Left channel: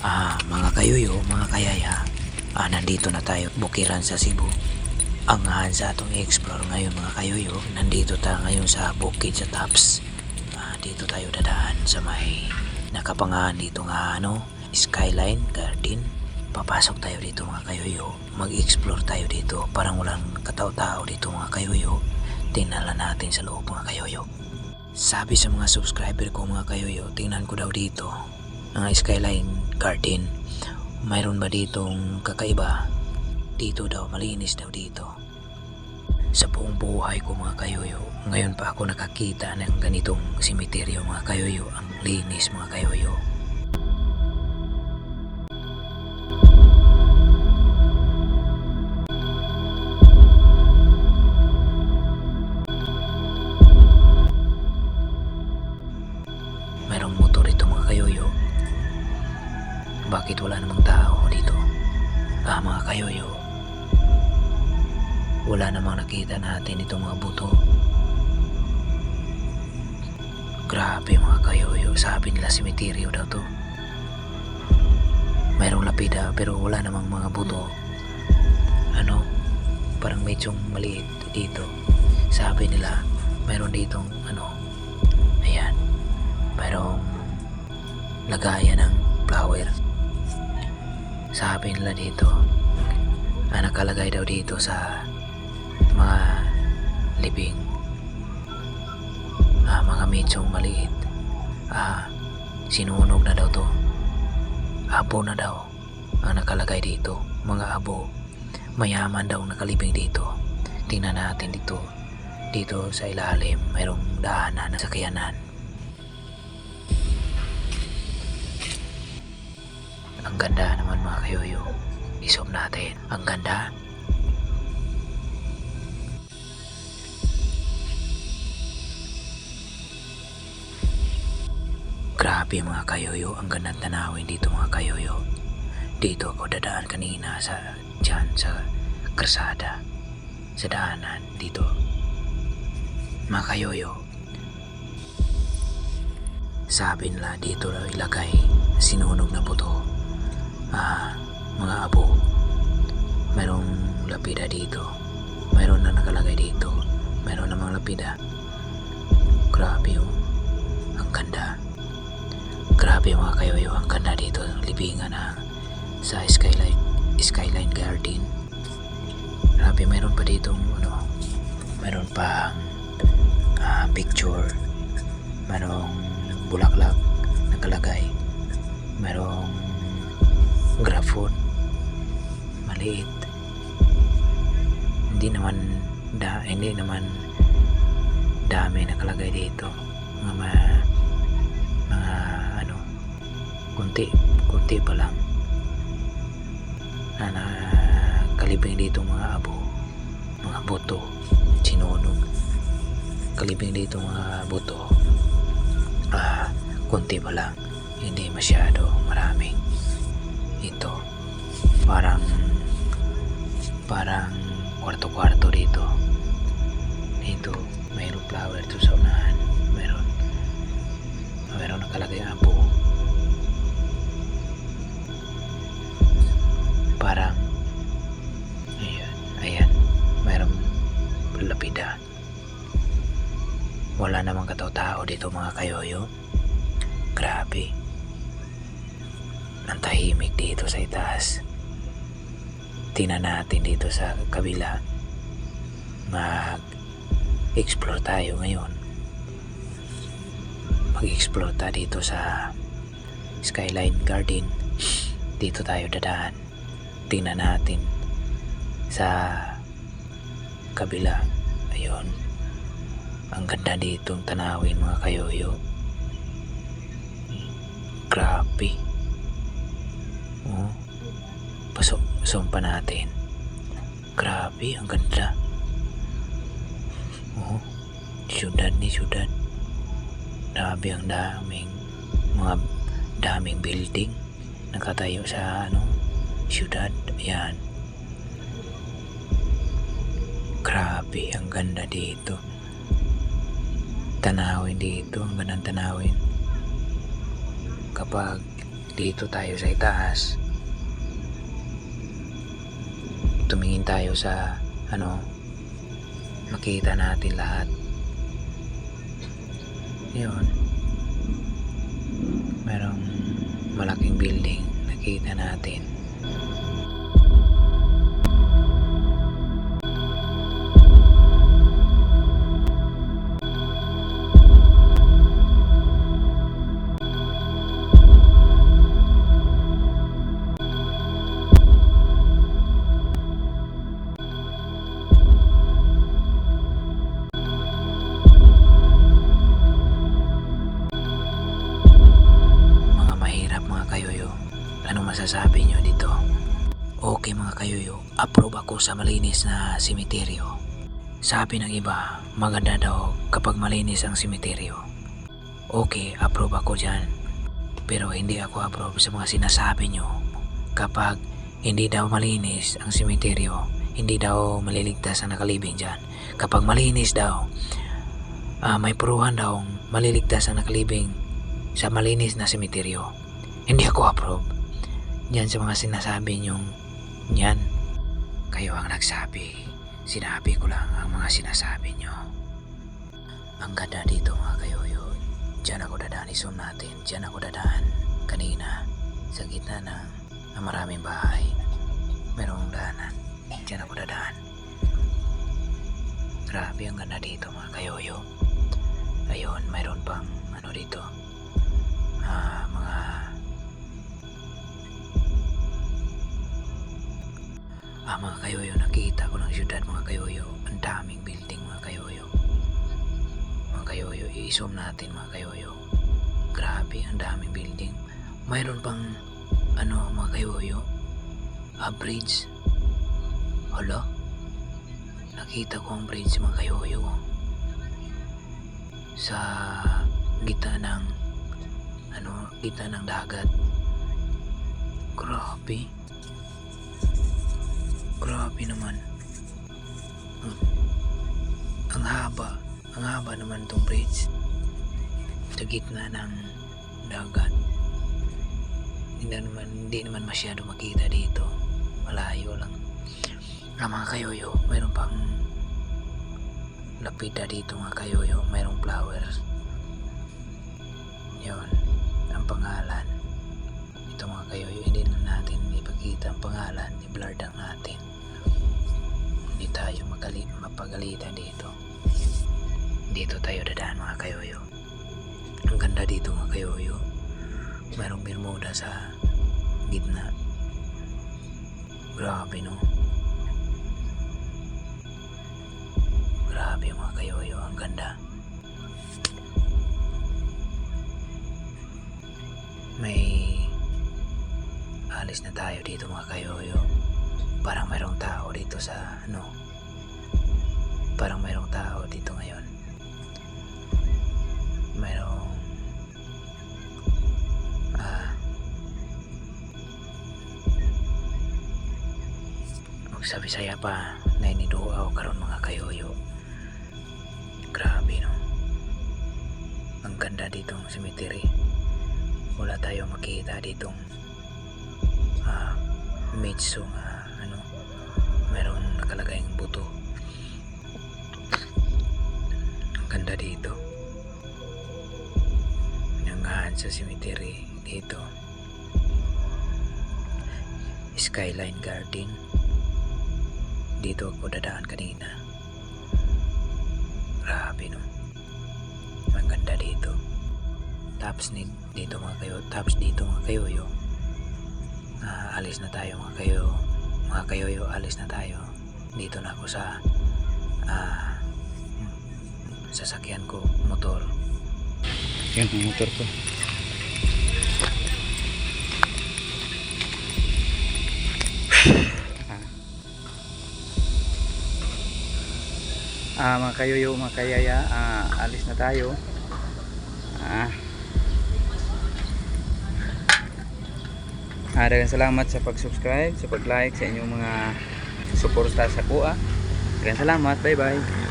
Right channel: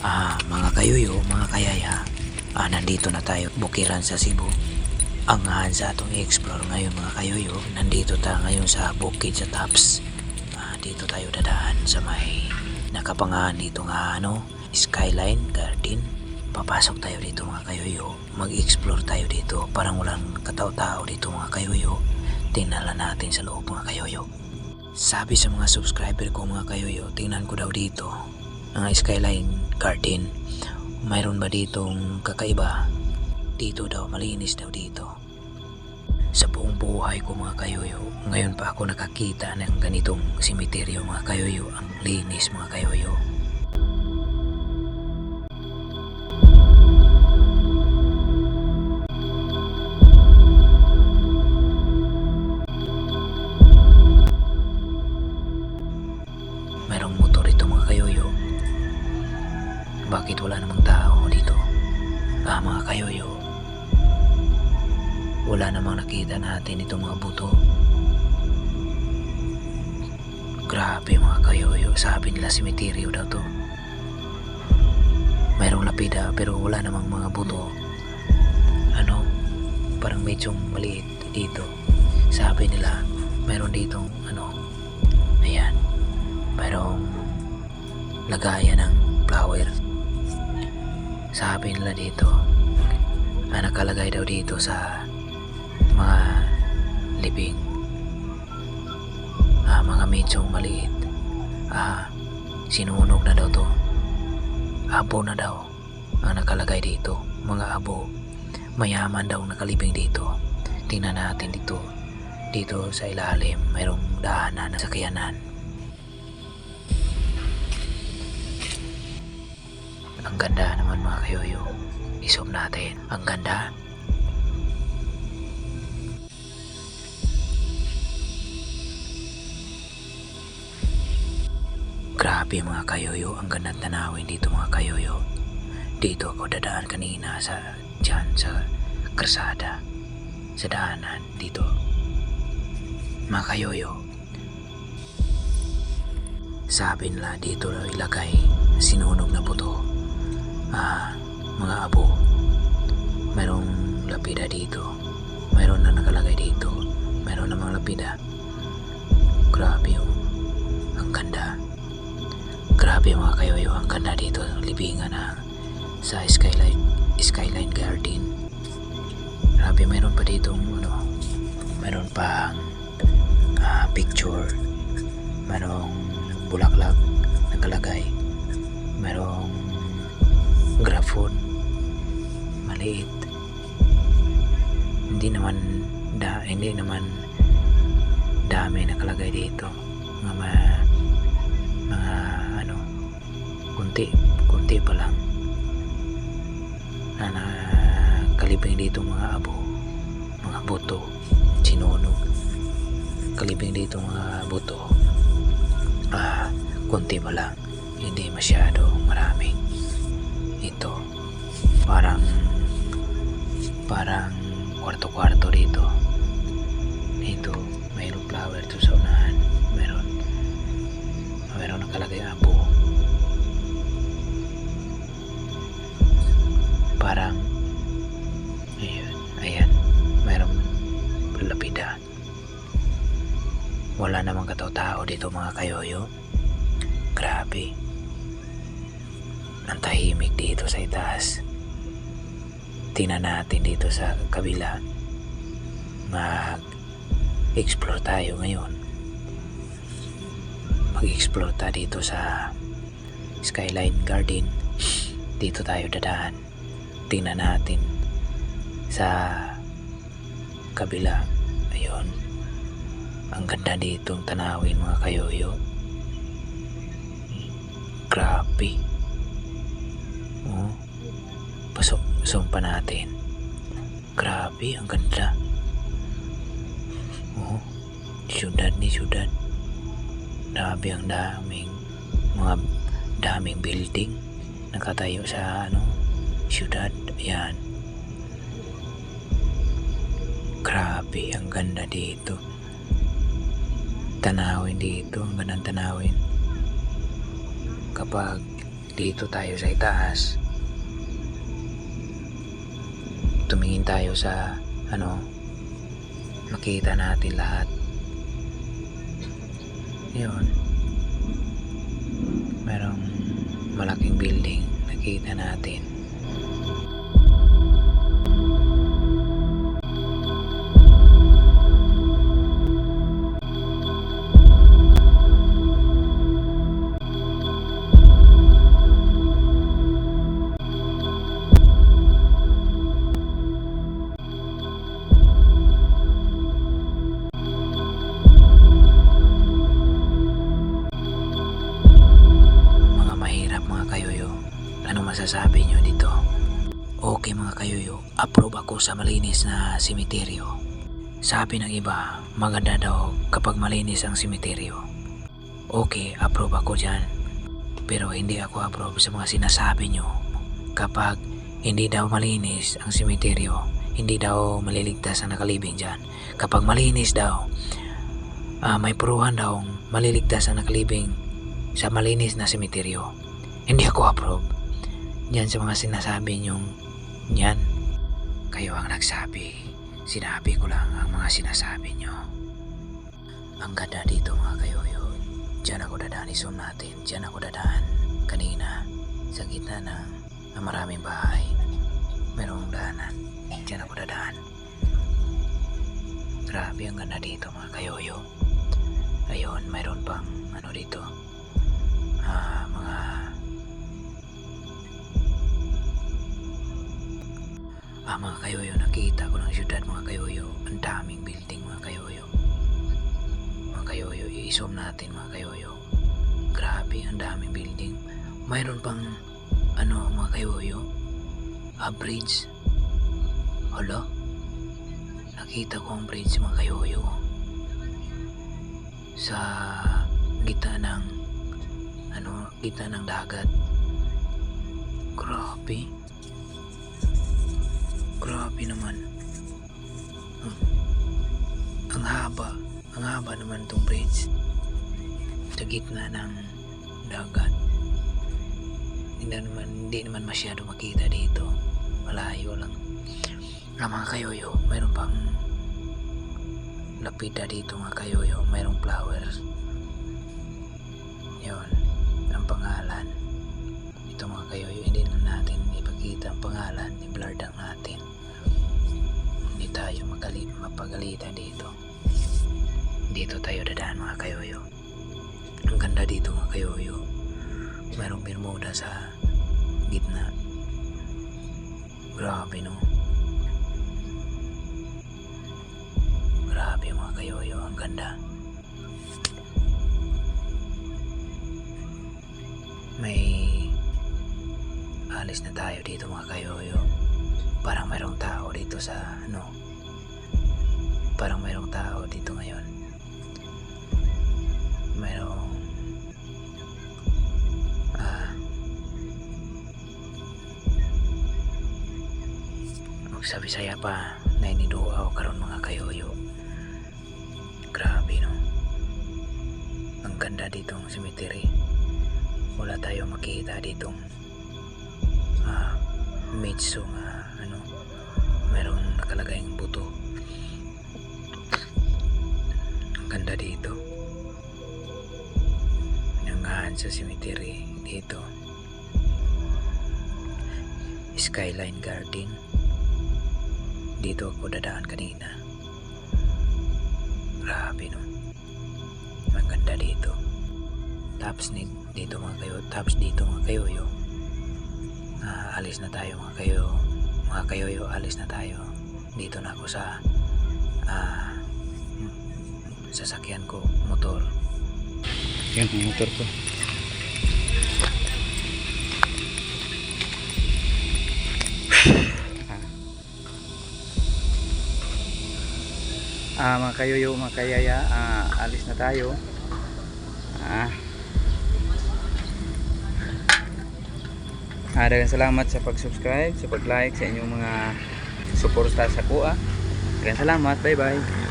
Mga kayuyo, mga kayaya, nandito na tayo bukiran sa Cebu. Ang sa atong i-explore ngayon mga kayuyo, nandito tayo ngayon sa bukid sa Taps. Dito tayo dadaan sa may nakapangahan dito nga Skyline Garden. Papasok tayo dito mga kayuyo, mag-explore tayo dito. Parang walang katao-tao dito mga kayuyo. Tingnan natin sa loob mga kayuyo. Sabi sa mga subscriber ko mga kayuyo, tingnan ko daw dito ang Skyline Garden. Mayroon ba ditong kakaiba? Dito daw, malinis daw dito. Sa buong buhay ko mga kayuyo, ngayon pa ako nakakita ng ganitong simeteryo mga kayuyo. Ang linis mga kayuyo. Mayroong motor ito mga kayuyo. Bakit wala namang tao dito? Mga kayuyo, wala namang nakita natin itong mga buto. Grabe mga kayuyo, sabi nila simeteryo daw to. Mayroong lapida pero wala namang mga buto. Parang medyo maliit dito. Sabi nila mayroon ditong ayan, mayroong lagayan ng flower. Sabi nila dito, nakalagay daw dito sa mga libing, mga medyo maliit. Sinunog na daw to. Abo na daw ang nakalagay dito. Mga abo, mayaman daw nakalibing dito. Tingnan natin dito. Dito sa ilalim, mayroong daanan ng sakyanan. Ang ganda naman mga kayuyo. I-zoom natin. Ang ganda. Grabe mga kayuyo. Ang gandang tanawin dito mga kayuyo. Dito ako dadaan kanina sa karsada. Sa daanan dito. Mga kayuyo. Sabi nila dito daw ilagay sinunog na buto. Mga abo. Mayroong lapida dito. Mayroon na nakalagay dito. Mayroon namang lapida. Grabe ang ganda. Grabe mga kayuyo, ang ganda dito. Libingan sa Skyline Garden. Grabe, mayroon pa ditong mayroon pang picture. Mayroong bulaklak nakalagay. Mayroong grafon maliit. Hindi naman dami nakalagay dito. Mga kunti pa lang na nakalibing dito mga abo, mga buto, sinunog. Kalibing dito mga buto. Kunti pa lang, hindi masyado marami. Ito parang kwarto-kwarto dito. Mayroong flower to sa unahan. Mayroon nakalagay abo. Parang ayan, mayroong lapida. Wala namang katao-tao dito mga kayuyo. Grabe. Ang tahimik dito sa itaas. Tingnan natin dito sa kabila. Mag-explore tayo ngayon. Mag-explore tayo dito sa Skyline Garden. Dito tayo dadaan. Tingnan natin sa kabila. Ayun. Ang ganda ditong tanawin mga kayuyo. Grabe. Zoom pa natin. Grabe, ang ganda. Syudad. Grabe, ang daming building nakatayo sa syudad. Ayan. Grabe, ang ganda dito. Tanawin dito, ang gandang tanawin. Kapag dito tayo sa itaas. Tumingin tayo sa makita natin lahat. Yun, merong malaking building nakita natin. Mga kayoyo, ano masasabi nyo dito? Okay mga kayoyo, approve ako sa malinis na simeteryo. Sabi ng iba, maganda daw kapag malinis ang simeteryo. Okay, approve ako dyan. Pero hindi ako approve sa mga sinasabi nyo. Kapag hindi daw malinis ang simeteryo, hindi daw maliligtas ang nakalibing dyan. Kapag malinis daw, may puruhan daw maliligtas ang nakalibing sa malinis na simeteryo. Hindi ako approve yan sa mga sinasabi nyong yan. Kayo ang nagsabi, sinabi ko lang ang mga sinasabi nyo. Ang ganda dito mga kayoyo. Diyan ako dadaan, i-zoom natin. Diyan ako dadaan kanina sa gitna ng maraming bahay. Merong daanan, diyan ako dadaan. Grabe ang ganda dito mga kayoyo. Ayun, mayroon pang dito, mga kayoyo, nakita ko ng syudad mga kayoyo. Ang daming building mga kayoyo. Mga kayoyo, i-zoom natin mga kayoyo. Grabe, ang daming building. Mayroon pang mga kayoyo, bridge. Hala, nakita ko ang bridge mga kayoyo sa gitna ng dagat. Grabe naman. Ang haba naman tong bridge sa gitna ng dagat. Hindi naman masyado makita dito. Malayo lang. Mga kayoyo, mayroon pang lapida dito mga kayoyo. Mayroong flowers. Yun, ang pangalan. Ito mga kayoyo, hindi na natin ipakita ang pangalan. I-blur lang natin. Hindi tayo mapagalitan dito. Dito tayo dadaan mga kayoyo. Ang ganda dito mga kayoyo. Mayroong Bermuda sa gitna. Grabe no. Grabe mga kayoyo, ang ganda. May alis na tayo dito mga kayoyo. Parang mayroong tao dito sa parang mayroong tao dito ngayon. Mayroong magsabi-saya pa na iniduaw karon mga kayoyo. Grabe no. Ang ganda ditong cemetery. Wala tayo makita ditong mitso mayroong nakalagay ng buto. Ang ganda dito. Nangahan sa cemetery dito. Skyline Garden. Dito ako dadaan kanina. Grabe no. Ang ganda dito. Tapos dito mga kayo. Tapos dito mga kayoyo. Alis na tayo mga kayoyo, alis na tayo. Dito na ako sa sasakyan ko, motor. Yan ang motor ko. Mga kayoyo, mga kayaya, alis na tayo. Daghang salamat sa pag-subscribe, sa pag-like, sa inyong mga suporta sa kuha. Daghang salamat, bye bye.